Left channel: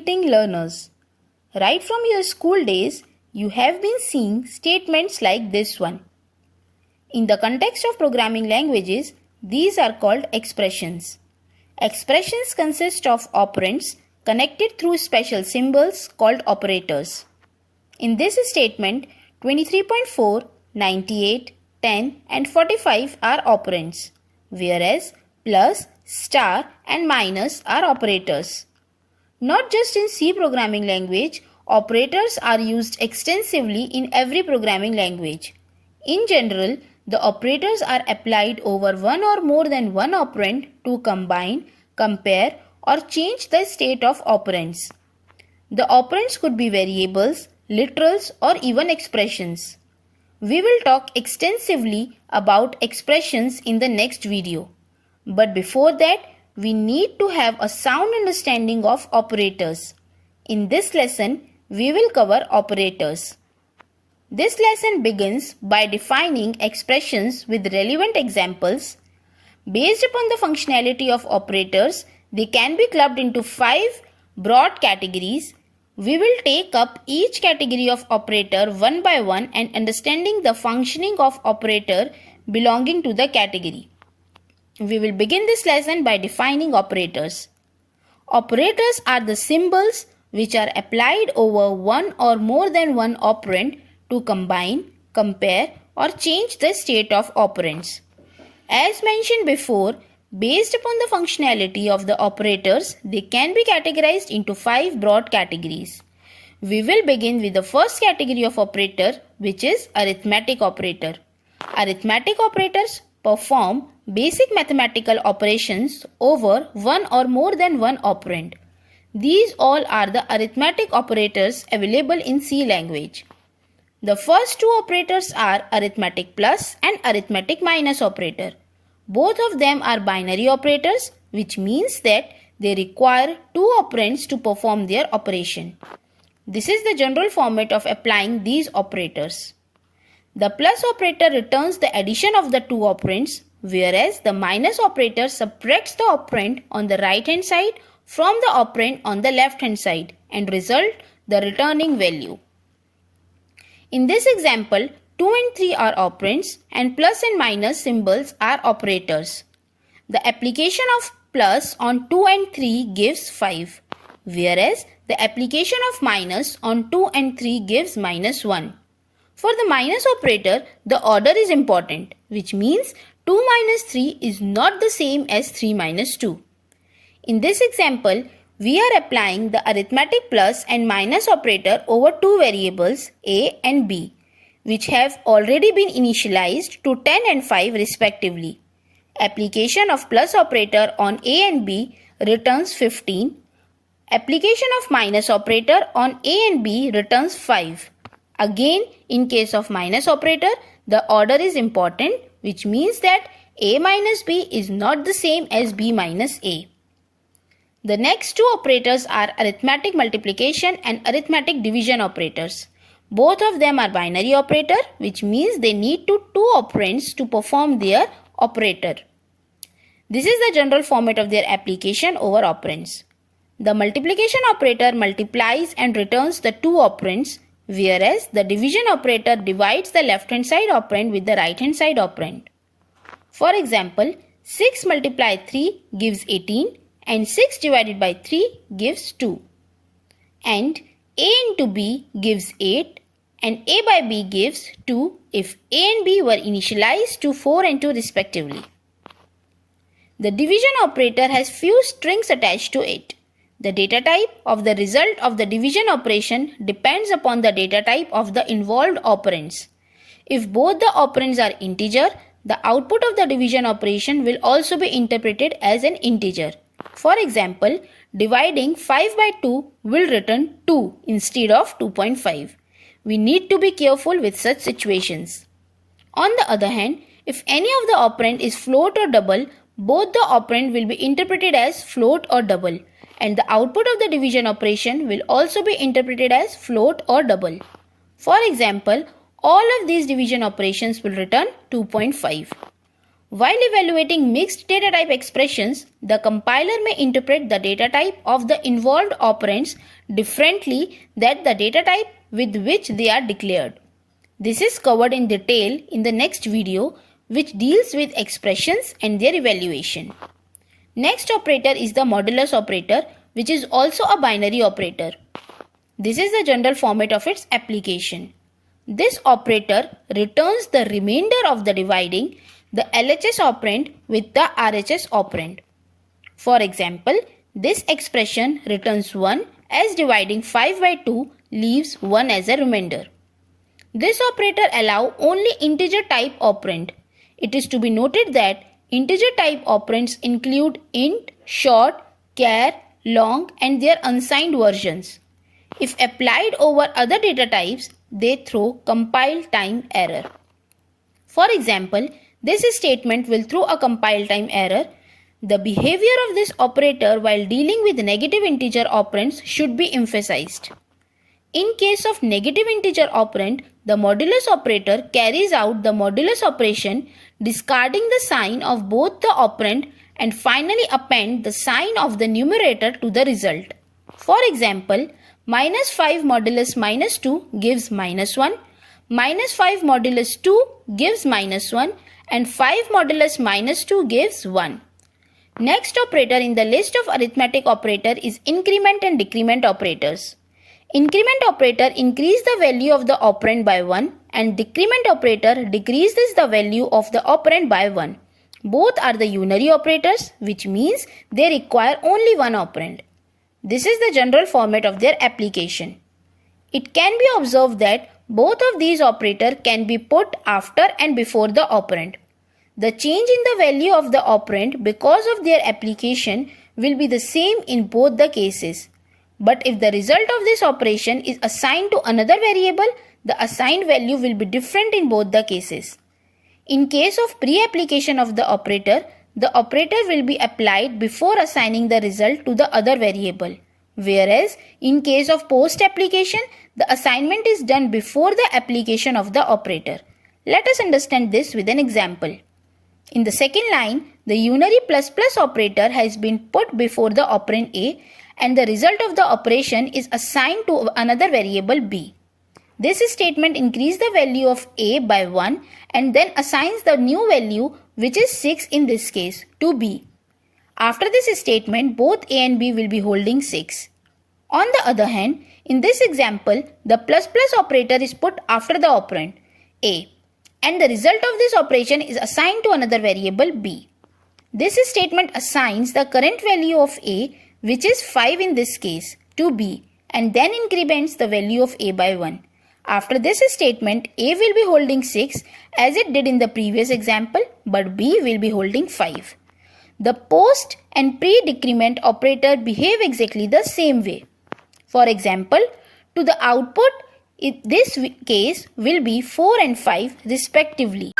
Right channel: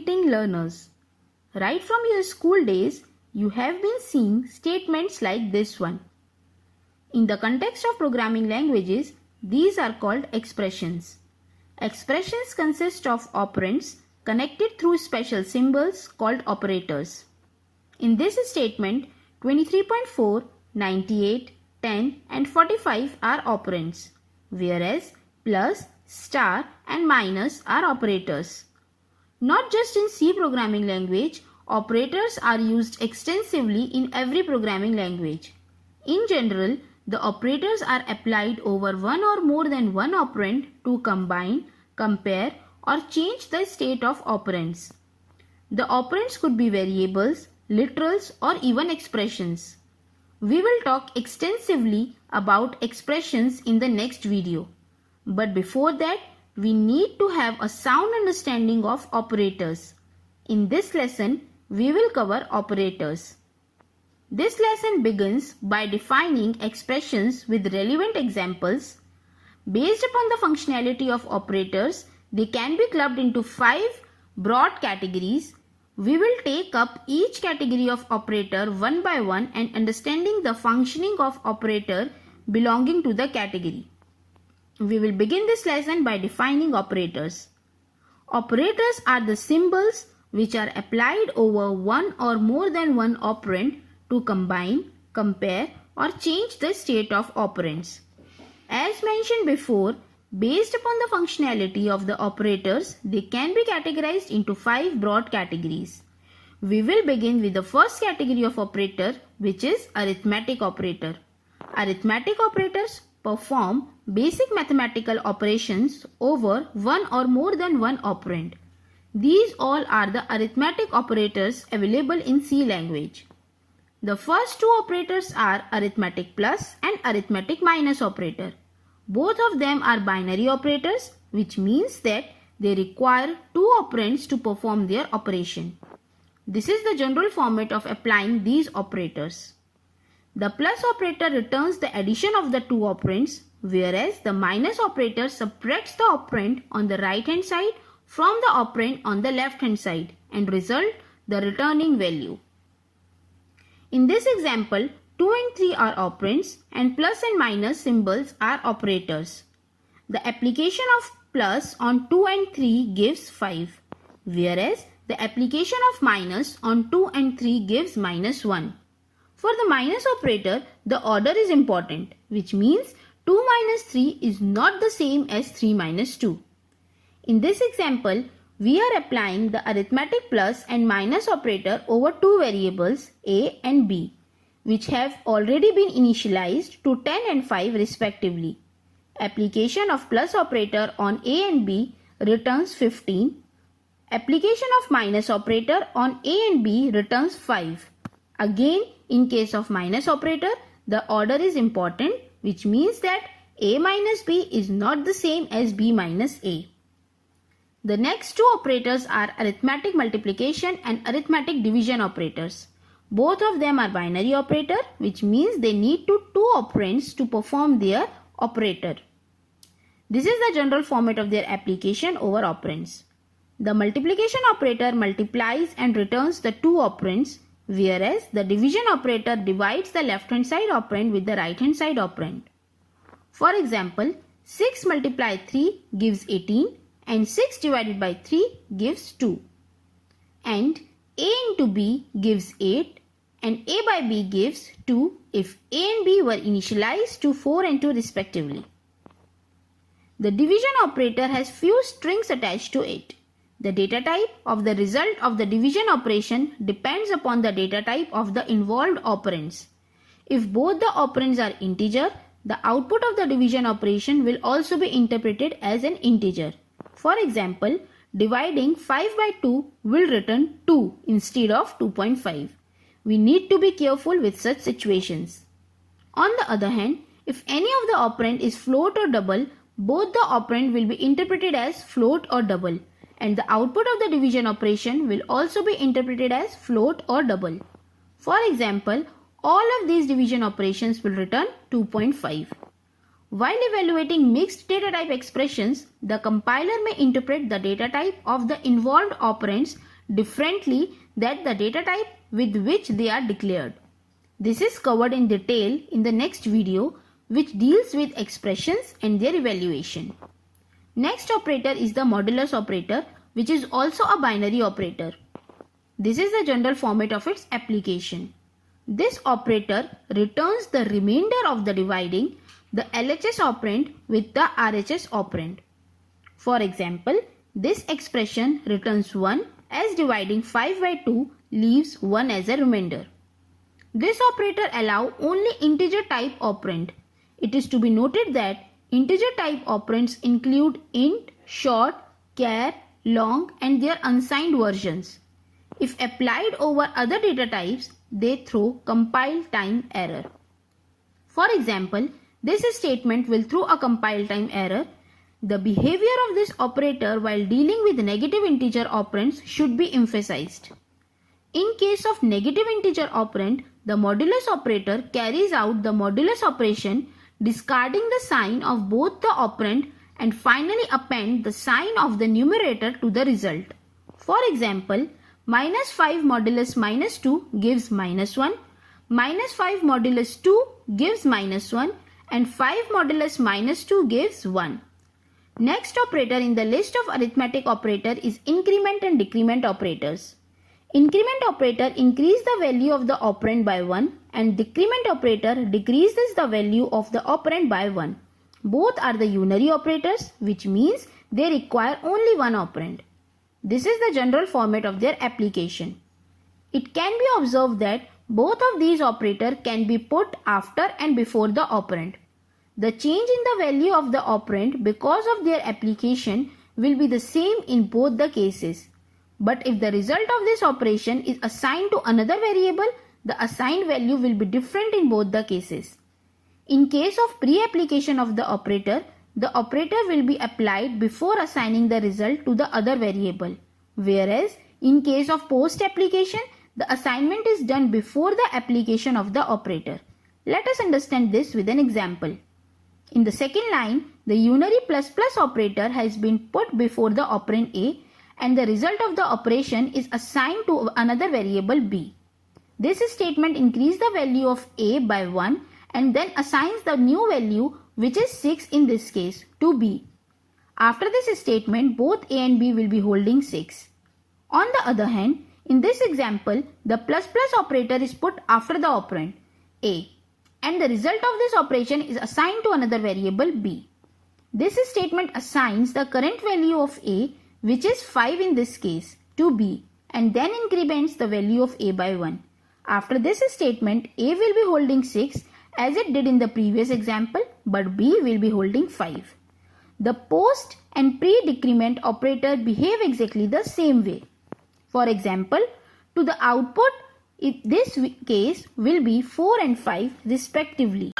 greeting learners. Right from your school days, you have been seeing statements like this one. In the context of programming languages, these are called expressions. Expressions consist of operands connected through special symbols called operators. In this statement, 23.4, 98, 10 and 45 are operands, whereas plus, star and minus are operators. Not just in C programming language, operators are used extensively in every programming language. In general, the operators are applied over one or more than one operand to combine, compare or change the state of operands. The operands could be variables, literals or even expressions. We will talk extensively about expressions in the next video. But before that, we need to have a sound understanding of operators. In this lesson, we will cover operators. This lesson begins by defining expressions with relevant examples. Based upon the functionality of operators, they can be clubbed into 5 broad categories. We will take up each category of operator one by one and understanding the functioning of operator belonging to the category. We will begin this lesson by defining operators. Operators are the symbols which are applied over one or more than one operand to combine, compare or change the state of operands. As mentioned before, based upon the functionality of the operators, they can be categorized into 5 broad categories. We will begin with the first category of operator, which is arithmetic operator. Arithmetic operators perform basic mathematical operations over one or more than one operand. These all are the arithmetic operators available in C language. The first two operators are arithmetic plus and arithmetic minus operator. Both of them are binary operators, which means that they require 2 operands to perform their operation. This is the general format of applying these operators. The plus operator returns the addition of the 2 operands, whereas the minus operator subtracts the operand on the right hand side from the operand on the left hand side and result the returning value. In this example, 2 and 3 are operands and plus and minus symbols are operators. The application of plus on 2 and 3 gives 5, whereas the application of minus on 2 and 3 gives minus 1. For the minus operator, the order is important, which means 2 minus 3 is not the same as 3 minus 2. In this example, we are applying the arithmetic plus and minus operator over 2 variables a and b, which have already been initialized to 10 and 5 respectively. Application of plus operator on a and b returns 15. Application of minus operator on a and b returns 5. Again, in case of minus operator, the order is important, which means that a minus b is not the same as b minus a. The next two operators are arithmetic multiplication and arithmetic division operators. Both of them are binary operator, which means they need 2 operands to perform their operator. This is the general format of their application over operands. The multiplication operator multiplies and returns the 2 operands, whereas the division operator divides the left hand side operand with the right hand side operand. For example, 6 multiplied 3 gives 18 and 6 divided by 3 gives 2. And a into b gives 8 and a by b gives 2 if a and b were initialized to 4 and 2 respectively. The division operator has few strings attached to it. The data type of the result of the division operation depends upon the data type of the involved operands. If both the operands are integer, the output of the division operation will also be interpreted as an integer. For example, dividing 5 by 2 will return 2 instead of 2.5. We need to be careful with such situations. On the other hand, if any of the operand is float or double, both the operand will be interpreted as float or double, and the output of the division operation will also be interpreted as float or double. For example, all of these division operations will return 2.5. While evaluating mixed data type expressions, the compiler may interpret the data type of the involved operands differently than the data type with which they are declared. This is covered in detail in the next video, which deals with expressions and their evaluation. Next operator is the modulus operator, which is also a binary operator. This is the general format of its application. This operator returns the remainder of the dividing the LHS operand with the RHS operand. For example, this expression returns 1 as dividing 5 by 2 leaves 1 as a remainder. This operator allows only integer type operand. It is to be noted that integer type operands include int, short, char, long and their unsigned versions. If applied over other data types, they throw compile time error. For example, this statement will throw a compile time error. The behavior of this operator while dealing with negative integer operands should be emphasized. In case of negative integer operand, the modulus operator carries out the modulus operation, discarding the sign of both the operand and finally append the sign of the numerator to the result. For example, minus 5 modulus minus 2 gives -1, minus 5 modulus 2 gives -1 and 5 modulus minus 2 gives 1. Next operator in the list of arithmetic operator is increment and decrement operators. Increment operator increases the value of the operand by 1 and decrement operator decreases the value of the operand by 1. Both are the unary operators, which means they require only one operand. This is the general format of their application. It can be observed that both of these operators can be put after and before the operand. The change in the value of the operand because of their application will be the same in both the cases. But if the result of this operation is assigned to another variable, the assigned value will be different in both the cases. In case of pre-application of the operator will be applied before assigning the result to the other variable. Whereas, in case of post-application, the assignment is done before the application of the operator. Let us understand this with an example. In the second line, the unary plus plus operator has been put before the operand A and the result of the operation is assigned to another variable B. This statement increases the value of A by 1 and then assigns the new value, which is 6 in this case, to B. After this statement, both A and B will be holding 6. On the other hand, in this example, the plus plus operator is put after the operand A and the result of this operation is assigned to another variable B. This statement assigns the current value of A, which is 5 in this case, to B and then increments the value of A by 1. After this statement, A will be holding 6 as it did in the previous example, but B will be holding 5. The post and pre-decrement operator behave exactly the same way. For example, to the output, this case will be 4 and 5 respectively.